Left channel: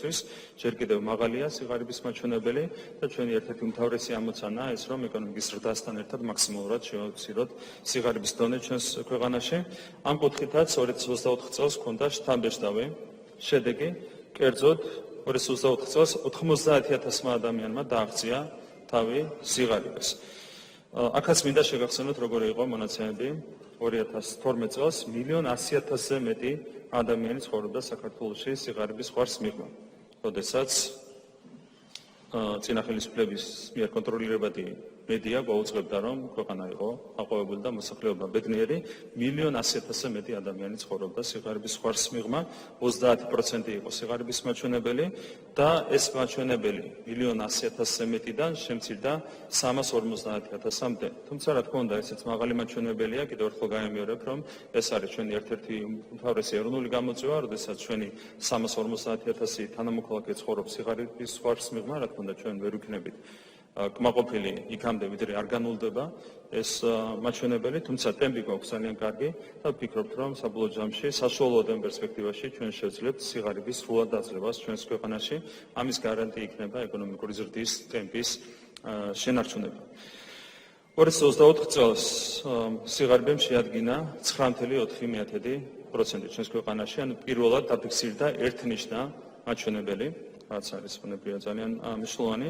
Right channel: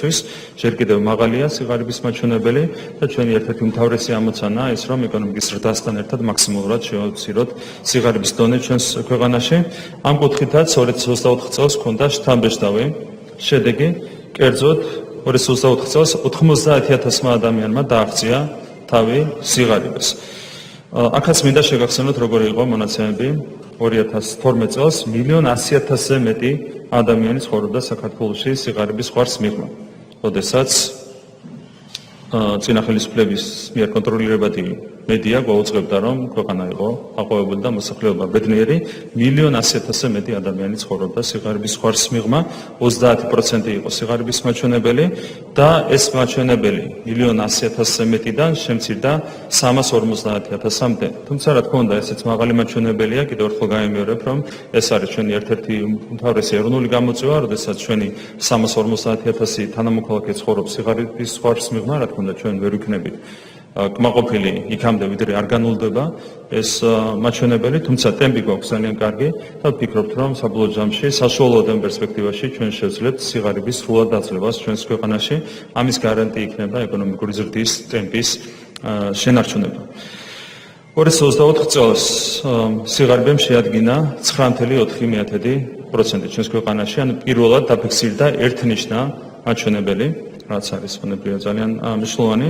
ჩვენთვის ჯერ კიდევ მაღალია სიღარიბის მაჩვენებელი და ჩვენი ერთ-ერთი უმთავრესი ამოცანაა ის, რომ ეკონომიკის ზრდასთან ერთად მაქსიმალურად შევაცვლოთ სიღარიბის დონე ჩვენს ქვეყანაში. ამ კუთხითაც 2024 წელს ჰქონდა შთამბეჭდავი შედეგი, კერძოდ 2024 წელს 90,000 ადამიანმა დააღწია თავი სიღარიბეს. აქაც მინდა შეგახსენოთ, როგორი იყო მონაცემები 2012 წელს 1,100,000-ზე მეტი ადამიანი ცხოვრობდა საქართველოში სიღარიბის ხვარს მიღმა. როდესაც წინა ხელისუფლების მიერ კონტროლირებადი მედია გვაუწყებდა, რომ ქვეყანა იყო აყვავებული და მოსახლეობა ბედნიერი, 1,100,000-ზე მეტი ადამიანი ცხოვრობდა სიღარიბის ხვარს მიღმა, 30% იყო სიღარიბის მაჩვენებელი და ეს მაჩვენებელი 1,100,000-ზე მეტიდან შემცირდა 350,000-მდე. თუმცა რა თქმა უნდა, ესეც მაღალი მაჩვენებელია, კიდევ ერთხელ გამიმეორებ, რომ ეს არის ჩვენი ერთ-ერთი უმთავრესი ეროვნული გამოწვევა, როდესაც ჩვენი 350,000 თანამოქალაქე ცხოვრობს სიღარიბის ხვარს მიღმა, რა თქმა უნდა, ჩვენ ვერ ვიქნებით კმაყოფილი იქამდე, ვიდრე არ განულდება ეს მაჩვენებელი, თუმცა ტემპი გვაქვს ძალიან კარგი და ვფიქრობთ, რომ საბოლოო ჯამში საშუალო პერსპექტივაში ჩვენ შევძლებთ სიღარიბის სრულად დაძლევას ჩვენს ქვეყანაში. ამის გარანტი იქნება ეკონომიკური ზრდის ტემპის შენარჩუნება. 2024 წელს სიღარიბემ შეადგინა 9,4% ჩვენს ქვეყანაში, ანუ პირველად დაფიქსირდა ერთნიშნა მაჩვენებელი, რაც არის ბუნებრივია ძალიან მნიშვნელოვანი.